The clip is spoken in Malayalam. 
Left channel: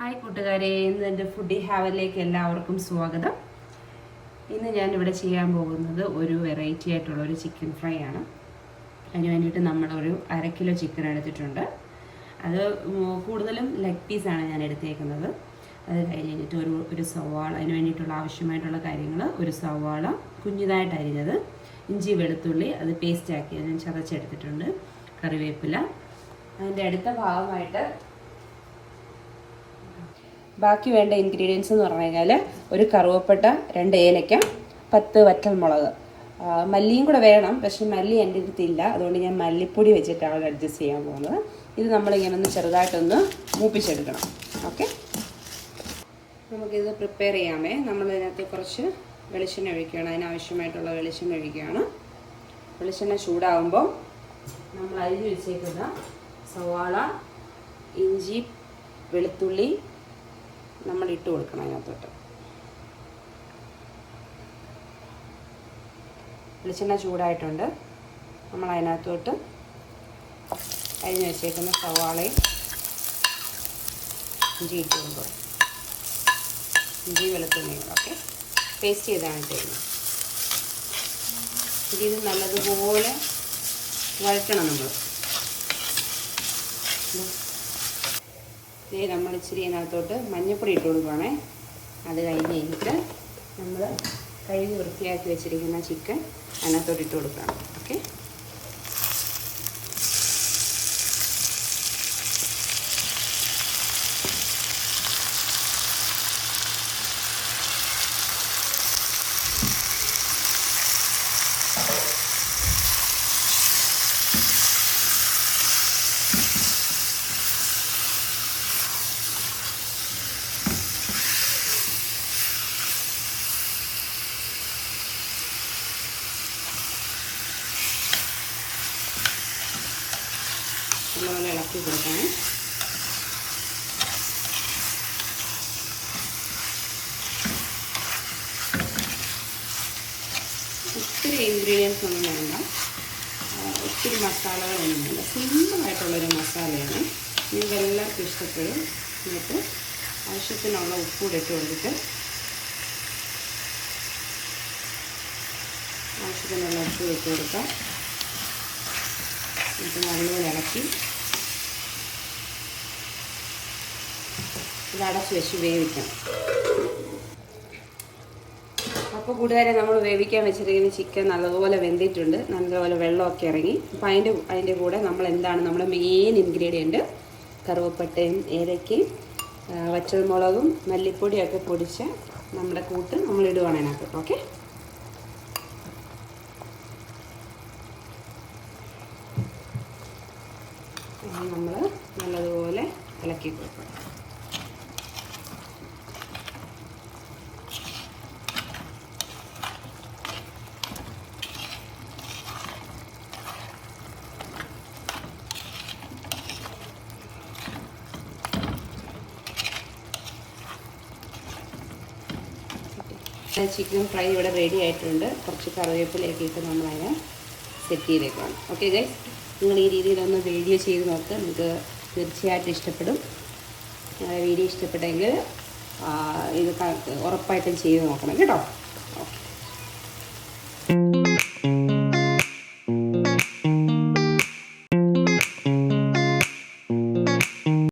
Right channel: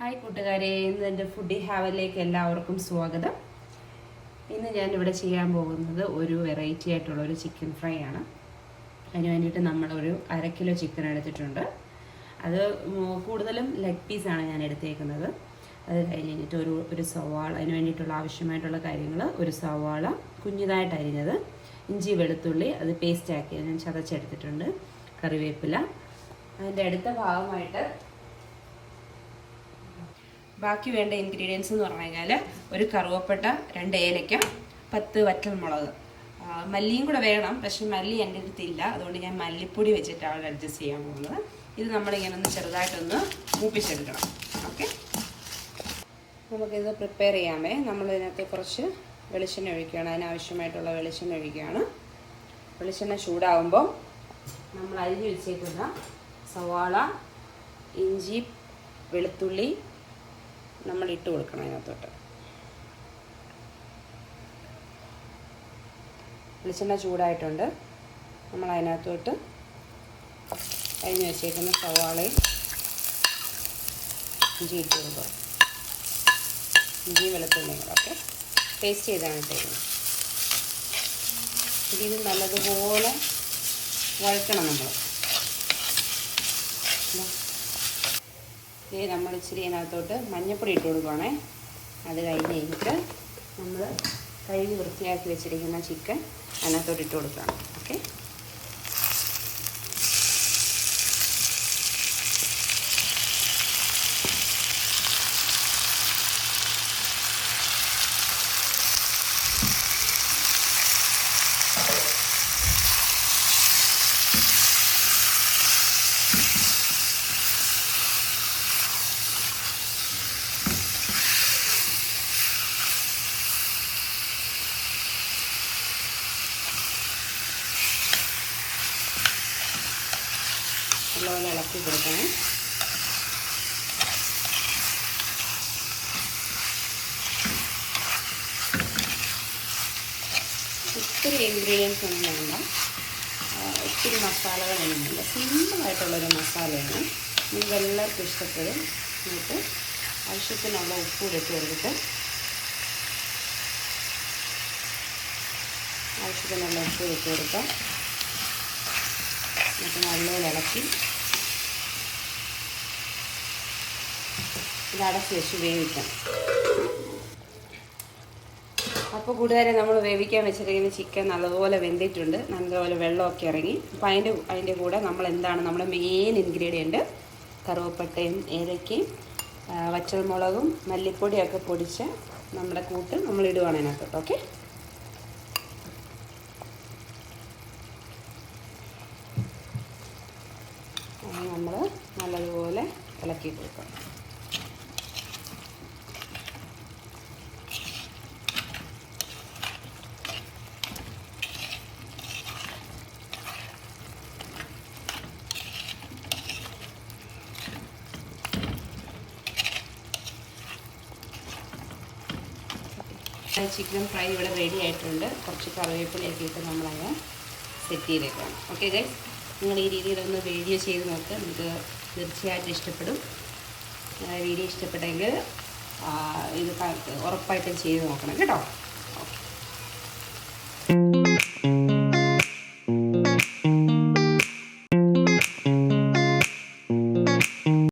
ഹായ് കൂട്ടുകാരെ, ഇന്ന് എൻ്റെ ഫുഡി ഹാവലിലേക്ക് എല്ലാവർക്കും സ്വാഗതം. ഇന്ന് ഞാനിവിടെ ചെയ്യാൻ പോകുന്നത് ഒരു വെറൈറ്റി ആയിട്ടുള്ള ഒരു ചിക്കൻ ഫ്രൈ ആണ്. അതിന് വേണ്ടിയിട്ട് നമ്മളൊരു 1/2 കിലോ ചിക്കൻ എടുത്തിട്ടുണ്ട്. അത് കൂടുതലും ലെഗ് പീസാണ് ഞാൻ എടുത്തേക്കുന്നത്. അത് കഴിഞ്ഞിട്ട് ഒരു സവാള, അതിന് വേണ്ടിയിട്ടുള്ള ആവശ്യമായിട്ടുള്ള കാര്യങ്ങൾ: ഒരു സവാള കുഞ്ഞിതായിട്ട് അരിഞ്ഞത്, ഇഞ്ചി വെളുത്തുള്ളി അത് പേസ്റ്റാക്കി ഞാൻ ചതച്ചെടുത്തിട്ടുണ്ട്, കറിവേപ്പില. അതിൻ്റെ അടുത്ത ഭാഗമായിട്ട് ബാക്കി വേണ്ട ഇൻഗ്രീഡിയൻസ് എന്ന് പറഞ്ഞു കഴിഞ്ഞാൽ ഒരു കറുവപ്പട്ട, 2 ഏലക്ക, 10 വറ്റൽമുളക്, മല്ലിയും കൂടെ വേണം. പക്ഷെ മല്ലി എൻ്റെ അടുത്തില്ല, അതുകൊണ്ട് ഞാൻ മല്ലിപ്പൊടി വെച്ചിട്ടാണ് അഡ്ജസ്റ്റ് ചെയ്യാൻ പോകുന്നത്. ഇത് നമ്മളിങ്ങനെ ഒന്ന് ചെറുതായിട്ടൊന്ന് മൂപ്പിച്ചെടുക്കണം. ഓക്കെ, നമുക്കിത് പ്രിപ്പയർ ചെയ്യാമേ. നമ്മളിതിനകത്ത് കുറച്ച് വെളിച്ചെണ്ണ ഒഴിക്കുകയാണ്. അതിനാവശ്യമായിട്ടുള്ള വെളിച്ചെണ്ണ ഒഴിക്കുകയാണ്. വെളിച്ചെണ്ണ ചൂടാകുമ്പോൾ നമ്മൾ അരിഞ്ഞ് വെച്ചേക്കുന്ന സവാള, ഇഞ്ചി, വെളുത്തുള്ളി നമ്മൾ ഇട്ട് കൊടുക്കണം. അതിനകത്തോട്ട് വെളിച്ചെണ്ണ ചൂടായിട്ടുണ്ട്. നമ്മൾ അതിനകത്തോട്ട് അരിഞ്ഞ് വെച്ചേക്കുന്ന സവാളയും ഇഞ്ചി ഇട്ട് കൊടുക്കുക. ഇഞ്ചി വെളുത്തുള്ളികളൊക്കെ പേസ്റ്റ് ചെയ്താണ് ചെയ്യുന്നത്. ഇതിന് നല്ലതുപോലെ വഴറ്റണം. നമ്മൾ ഇച്ചിരി അതിനകത്തോട്ട് മഞ്ഞൾപ്പൊടി ഇട്ട് കൊടുക്കുകയാണേ. അത് കഴിഞ്ഞിട്ട് നമ്മൾ കഴുകി വൃത്തിയാക്കി വെച്ചിരിക്കുന്ന ചിക്കൻ അതിനകത്തോട്ട് ഇട്ട് കൊടുക്കുകയാണ്. ഓക്കെ, നല്ലപോലെ ഇളക്കി കൊടുക്കണം. ഒത്തിരി ഇൻഗ്രീഡിയൻസ് ഒന്നും വേണ്ട, ഒത്തിരി മസാലകളൊന്നും വേണ്ട. സിമ്പിളായിട്ടുള്ളൊരു മസാലയാണ്. നിങ്ങൾക്കെല്ലാവർക്കും ഇഷ്ടപ്പെടും. എന്നിട്ട് ആവശ്യത്തിനുള്ള ഉപ്പ് കൂടെ ഇട്ട് കൊടുത്തിട്ട് ആവശ്യത്തിനുള്ള ഉപ്പ് ഇട്ട് കൊടുക്കാം. എന്നിട്ട് നല്ലപോലെ ഇളക്കി ഇത് അടച്ച് വെച്ച് വേവിക്കണം. അപ്പോൾ കൂട്ടുകാരെ, നമ്മൾ വേവിക്കാൻ വെച്ചിരിക്കുന്ന ചിക്കൻ നല്ലതുപോലെ വെന്തിട്ടുണ്ട്. നല്ലപോലെ വെള്ളമൊക്കെ ഇറങ്ങി. അപ്പോൾ അതിൻ്റെ കൂടെ നമ്മൾ എന്താണ് നമ്മുടെ മെയിൻ ഇൻഗ്രീഡിയൻറ്റ്: കറുവപ്പട്ടയും ഏലക്കയും വറ്റൽമുളകും മല്ലിപ്പൊടിയൊക്കെ പൊടിച്ച നമ്മുടെ കൂട്ട് നമ്മൾ ഇടുകയാണ് അതിനകത്ത്. ഓക്കെ, നമ്മൾ നല്ലതുപോലെ ഇളക്കി കൊടുക്കണം. ചിക്കൻ ഫ്രൈ ഇവിടെ റെഡി ആയിട്ടുണ്ട്. കുറച്ച് കറിവേപ്പിലയൊക്കെ ഇട്ട് നമ്മളതിനെ സെറ്റ് ചെയ്തേക്കണം. ഓക്കെ ഗൈസ്, നിങ്ങൾ ഈ രീതിയിലൊന്ന് വീഡിയോ ചെയ്ത് നോക്ക്. നിങ്ങൾക്ക് തീർച്ചയായിട്ടും ഇഷ്ടപ്പെടും. വീഡിയോ ഇഷ്ടപ്പെട്ടെങ്കിൽ ഇത് ഉറപ്പായിട്ടും ചെയ്ത് നോക്കണം കേട്ടോ.